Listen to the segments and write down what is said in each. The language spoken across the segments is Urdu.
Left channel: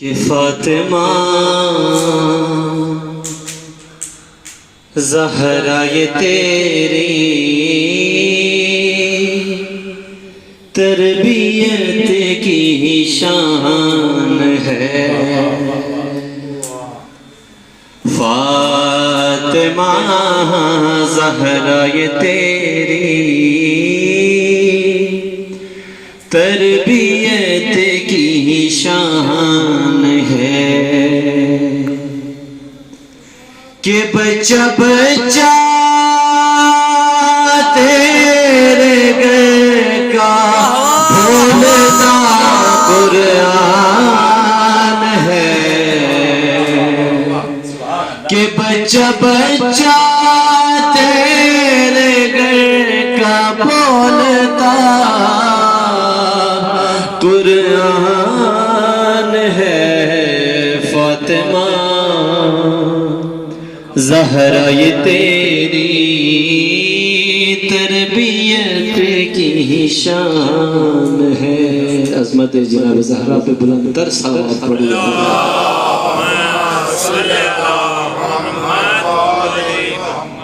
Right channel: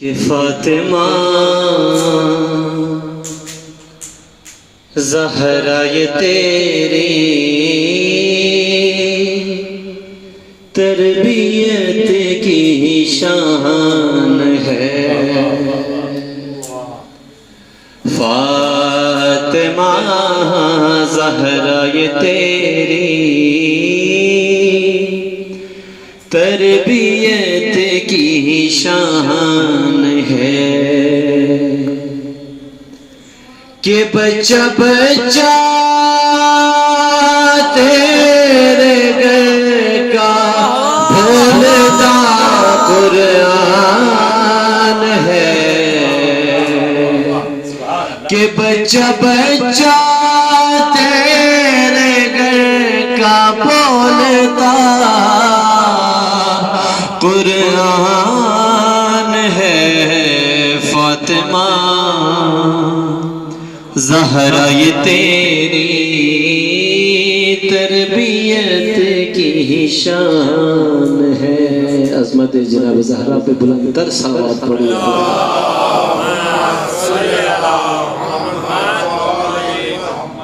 کہ فاطمہ زہرا یہ تیری تربیت کی شان ہے، فاطمہ زہرا یہ تیری تربیت کی شان ہے کہ بچہ بچہ تیرے گھر کا بھولتا قرآن ہے، کہ بچہ بچہ تیرے گھر کا بھولتا قرآن ہے، فاطمہ زہرا یہ تیری تربیت کی شان ہے۔ عظمت جناب زہرا پہ بلند تر صلوات پڑھیں۔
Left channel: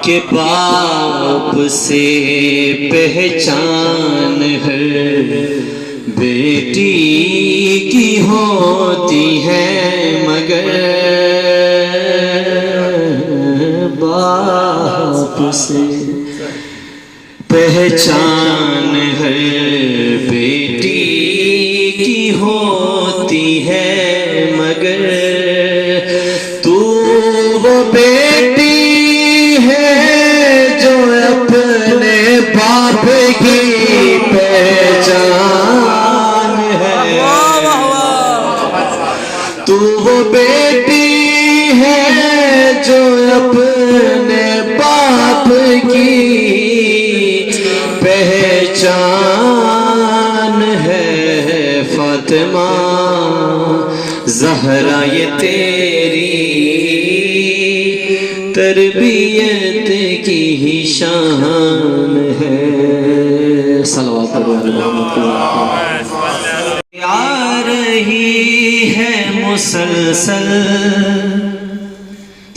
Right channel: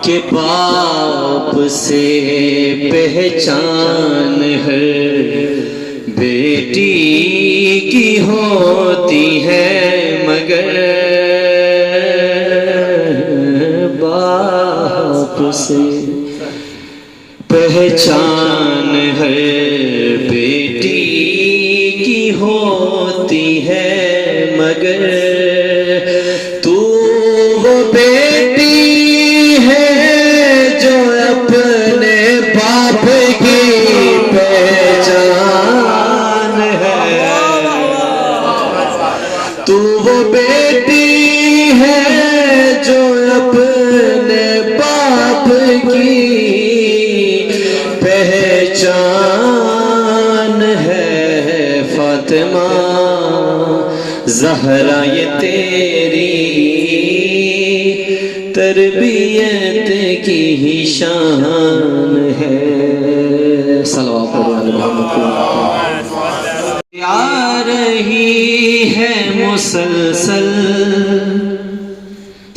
کہ باپ سے پہچان ہر بیٹی کی ہوتی ہے، مگر باپ سے پہچان ہر بیٹی کی ہوتی ہے، مگر تو وہ بیٹی ہے جو اپنے باپ کی پہچان ہے، تو وہ بیٹی ہے جو اپنے باپ کی پہچان ہے، فاطمہ زہرا یہ تیری تربیت کی شان ہے۔ صلوات آ رہی ہے مسلسل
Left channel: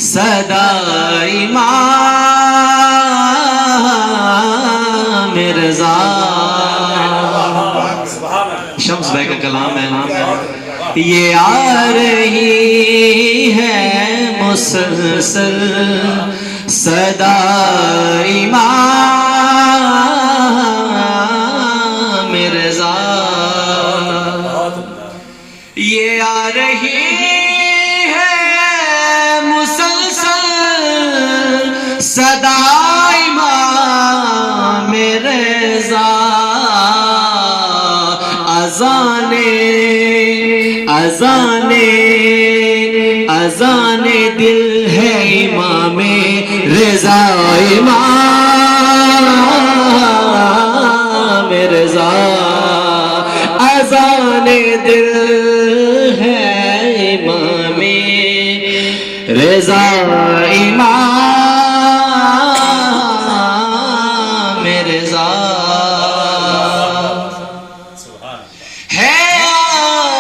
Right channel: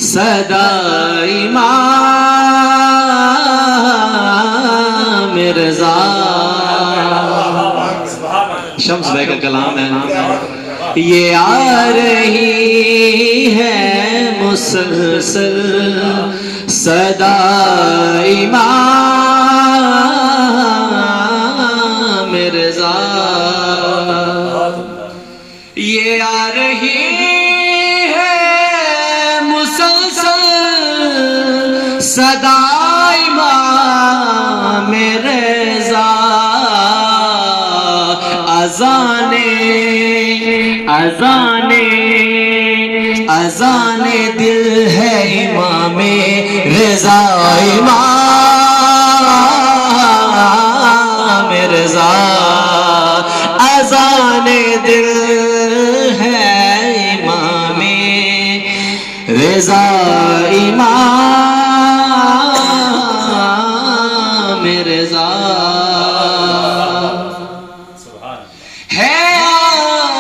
صدا امام مرزا، شمس بھائی کا کلام ہے، یہ آ رہی ہے مسلسل صدا امام مرزا، یہ آ رہی ہے مسلسل صدا امام مرزا، اذان دل ہے امام رضا، امام رضا اذان دل ہے امام رضا، امام رضا ہے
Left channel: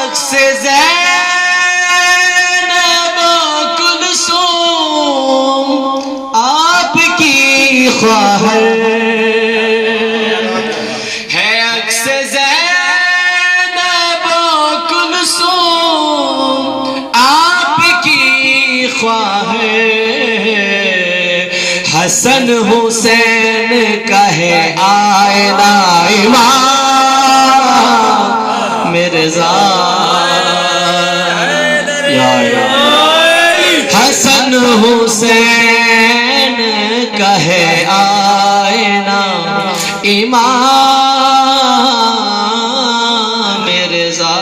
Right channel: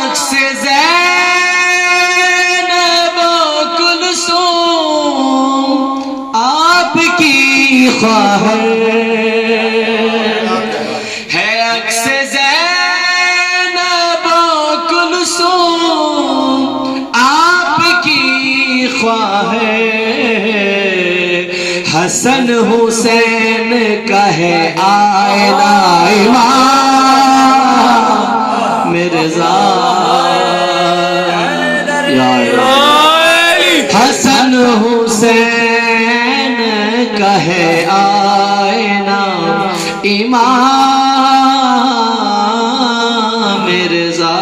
عکس زینب و کلثوم آپ کی خواہر، ہے عکس زینب و کلثوم آپ کی خواہر، حسن حسین کا ہے آئینہ امام مرزا، حسن حسین کا ہے آئینہ امام مرزا۔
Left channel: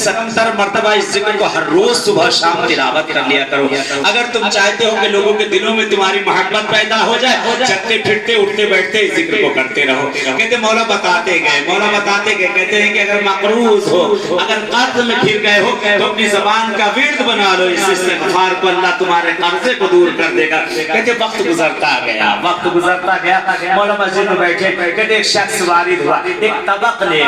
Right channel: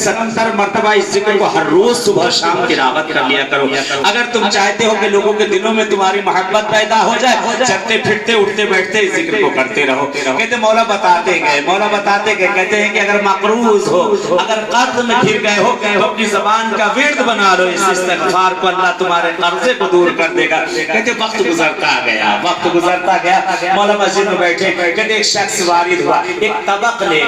70 مرتبہ اس ذکر کو ہر روز صبح شام تلاوت کر لیا کرو۔ اگر تم چاہتے ہو کہ لوگوں کے دلوں میں تمہاری محبت پیدا ہو جائے، چلتے پھرتے اٹھتے بیٹھتے اس ذکر کو کرتے رہو۔ کہتے مولا بتاتے گئے کہتے ہیں کہ اگر مقروض ہو، اگر قرض میں گر گئے ہو تو اپنی زبان کا ورد بنا لو، اس استغفار کو اللہ تمہارے قرضے کو دور کر دے گا۔ کہتے وقت گزرتا گیا، مولا مسجد میں بیٹھے، کہتے ایک شخص وارد ہوا، ایک طبق لے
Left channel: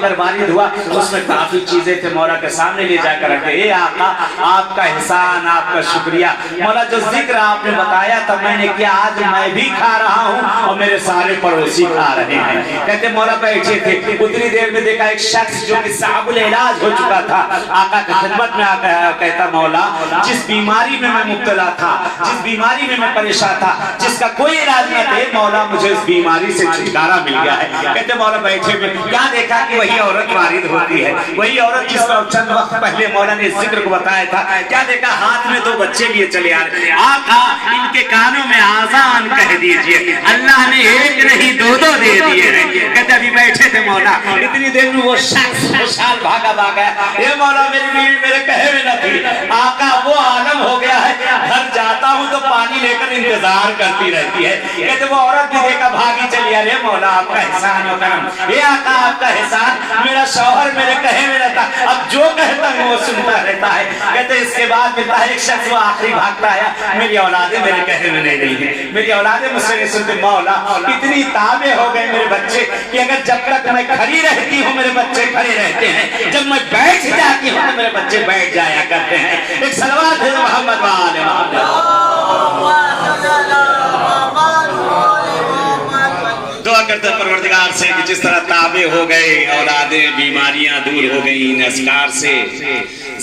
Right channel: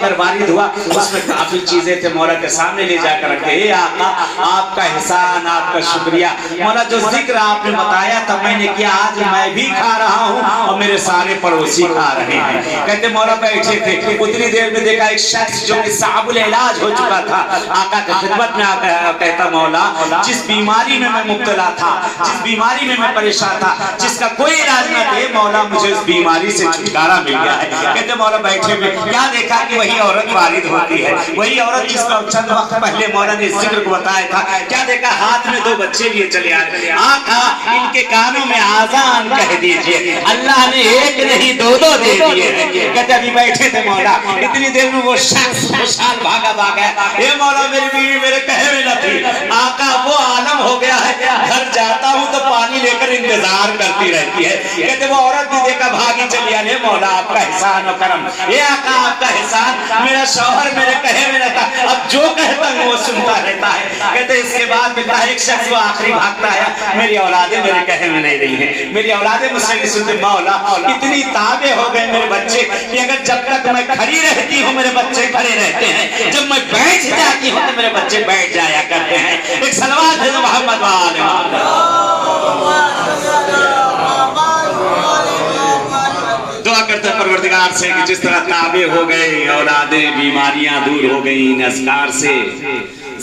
کر وارد ہوا، اس میں کافی چیزیں تھے مولا کے سامنے لے جا کر رکھے، اے آقا آپ کا احسان، آپ کا شکریہ، مولا جو ذکر آپ نے بتایا تھا میں نے کیا، آج میں بھی کھا رہا ہوں اور میرے سارے پڑوسی کھا رہے ہیں۔ کہتے مولا بیٹھے تھے، اتنی دیر میں دیکھا ایک شخص جو کہ صعب العلاج ہو چکا تھا، آقا کی خدمت میں کہتا مولا جس بیماری میں میں مبتلا تھا، جس بیماری میں میں پریشان تھا، جس کا کوئی علاج نہ تھے، مولا مجھے اس بیماری سے چھٹکارا مل گیا ہے۔ کہتے مولا بیٹھے ہوئے کیا دیکھا کہ وہی عورت وارد ہوتی ہے، وہی عورت جس کا چند وقت پہلے مولا نے ذکر کو بتایا تھا، کیا دیکھا ہاتھ میں 2 بچے لیے چلے آ رہے، آقا ان کے کانوں میں آذان کہہ دیجئے، اللہ نے ایک نہیں 2 دے دیے ہیں۔ کہتے ابھی بیٹھے تھے مولا، اتنی دیر میں وہ شخص خوشحال بھاگا اے مولا میری بیوی میرے کہے میں نہ تھی، آقا وہ عالم ہو گیا ہے، گھر جاتا ہوں تو پانی لے کر انتظار کرتی رہتی ہے۔ کہتے وہ عورت بھی دیکھا بھاگی چلی آ رہے، مولا آپ کا احسان و کرم، اے آقا آپ کا احسان، میرا شوہر میرے کہے میں نہ تھا، اب جو کہتا ہوں وہ سنتا رہتا ہے۔ کہتے اس کے بعد ملتا ہے ایک شخص وہ آخری بھاگتا ہے، میری اولادیں میرے کہے میں نہیں رہی ہیں، میری اولادیں مجھ سے نہیں سنتے، مولا اتنی تابع ہو گئے میرے بچے کہ اگر جب تک میں کھڑی رہتی ہوں میرے بچے کھڑے رہتے ہیں، جب میں بیٹھ جاتی ہوں تو میرے بچے بیٹھ جایا کرتے ہیں۔ ایک صلوات ہے محمد وآل محمد۔ دعا کرتے ہیں پروردگار سے کہ جس طرح تابع ہو گئے اولادیں، بیماریاں دور ہو گئیں اذکار سے،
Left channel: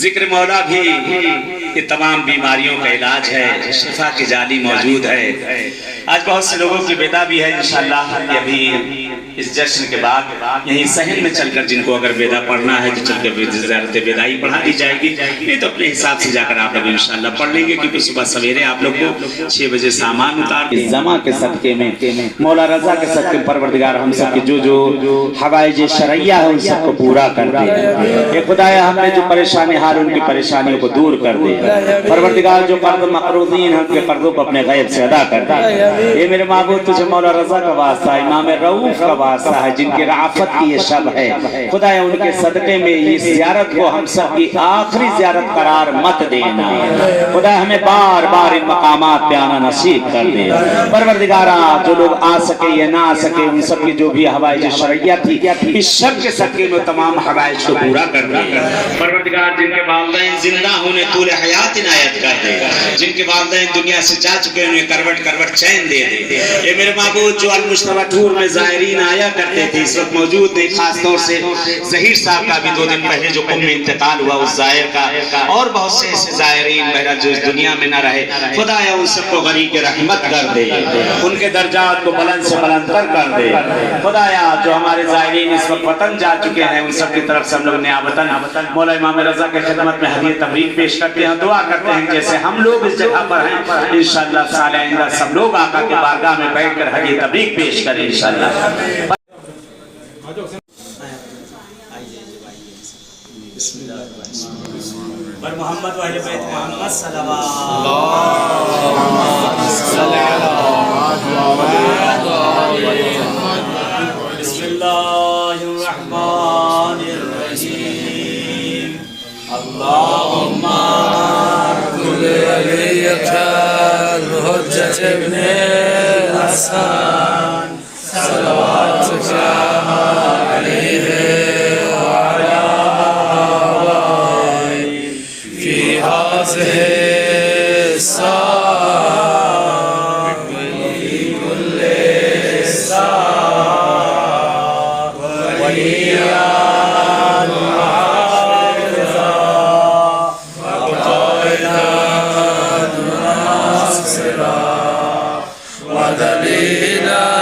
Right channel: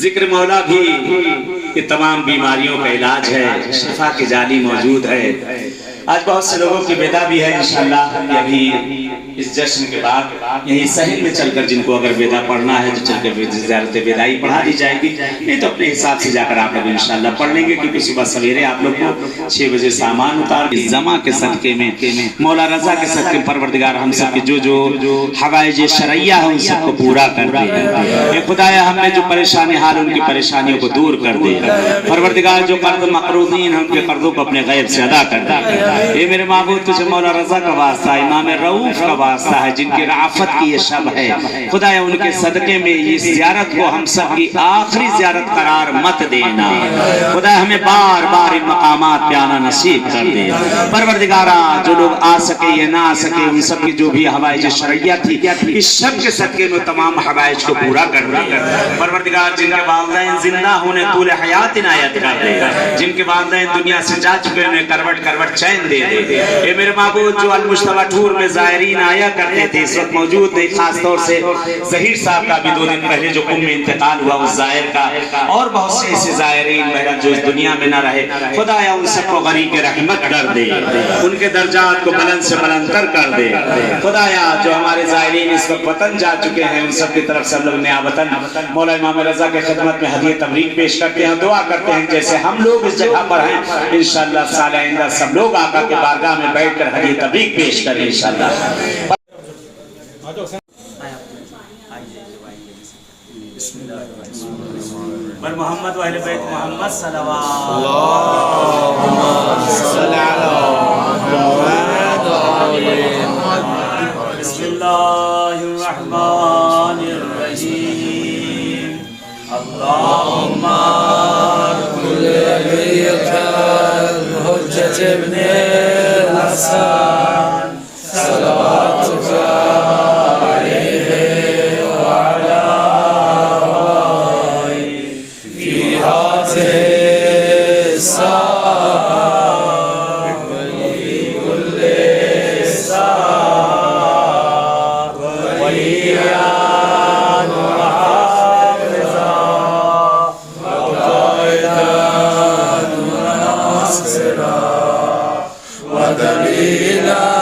ذکر مولا بھی یہ تمام بیماریوں کا علاج ہے، شفا کی جالی موجود ہے۔ آج بہت سے لوگوں کی بیدا بھی ہے، انشاءاللہ ابھی اس جشن کے بعد یہیں صحن میں چل کر جن کو اگر بیدا پڑھنا ہے جو چل کے زیارت بیدائی پڑھا دی جائے گی، نہیں تو اپنے حساب سے جا کر آپ ابھی انشاءاللہ پڑھ لیں گے، کیونکہ صبح سویرے آپ لوگ کو 6 بجے سامان اتار کے جمع کے صدقے میں مولا رضا کے صدقے میں پروردگار ہم سب کے جو حوائج شرعیہ ہیں ان سب کو پورا کر دے۔ اے خدایا ہم نے جو پریشانی حال ان کی پریشانیوں کو دور کر دے، پروردگار جو قرض مقروضین ہیں ان کے قرضوں کو اپنے غیب سے ادا کر دے۔ اے میرے معبود تجھے مولا رضا کا واسطہ، امام رؤوف کا واسطہ ہے جن کی رعافت کی یہ شب ہے، خدایا ان کے صدقے میں اس زیارت کو ہم سب کی آخری زیارت قرار مت دینا، خدایا ہمیں بار بار ان مقامات پہ آنا نصیب کر دے۔ پروردگارہ جو لوگ آ سکے یا نہ آ سکے ان سب کی جو بھی حوائج شرعیہ تھی اس شب کے صدقے میں تمام حوائج کو پورا کر دے۔ پروردگار جن کے والدین زندہ ہونے طول حیات عنایت کر دے، جن کے والدین دنیا سے جا چکے انہیں کروٹ کروٹ چین دے دے۔ اے میرے معبود جو المجتبہ ٹور میں زائرین آیا کرتے تھے اس وقت موجود نہیں، خاص طور سے ظہیر صاحب کا بھی 2 دن پہلے جو قم میں انتقال ہوا اس زائر کا، اور بہت سے ایسے زائرین بہرحال جو اس دنیا میں نہ رہے، خدایا ان سب کو غنی کے رحمت کر دے، ان کے درجات کو بلند سے بلندتر کر دے۔ خدایا جو ہمارے زائرین اس وقت وطن جا چکے ہیں ان سب کی طرف سے ہم لوگ نیابتاً مولا امام رضا کے خدمت میں ہدیہ تبریک پیش کرتے ہیں، دعا کرتے ہیں جیسے ہم لوگ اس جگہ پر ہیں انشاءاللہ سال آئندہ سب لوگ آقا کے بارگاہ میں بیٹھ کر ہدیہ تبریک پیش کریں انشاءاللہ۔ بر محمد و اہل بیت محمد صلوات بسم اللہ الرحمن الرحیم اللہم کل ولیت الحجت ابن الحسن صلواتک علیہ ودليلا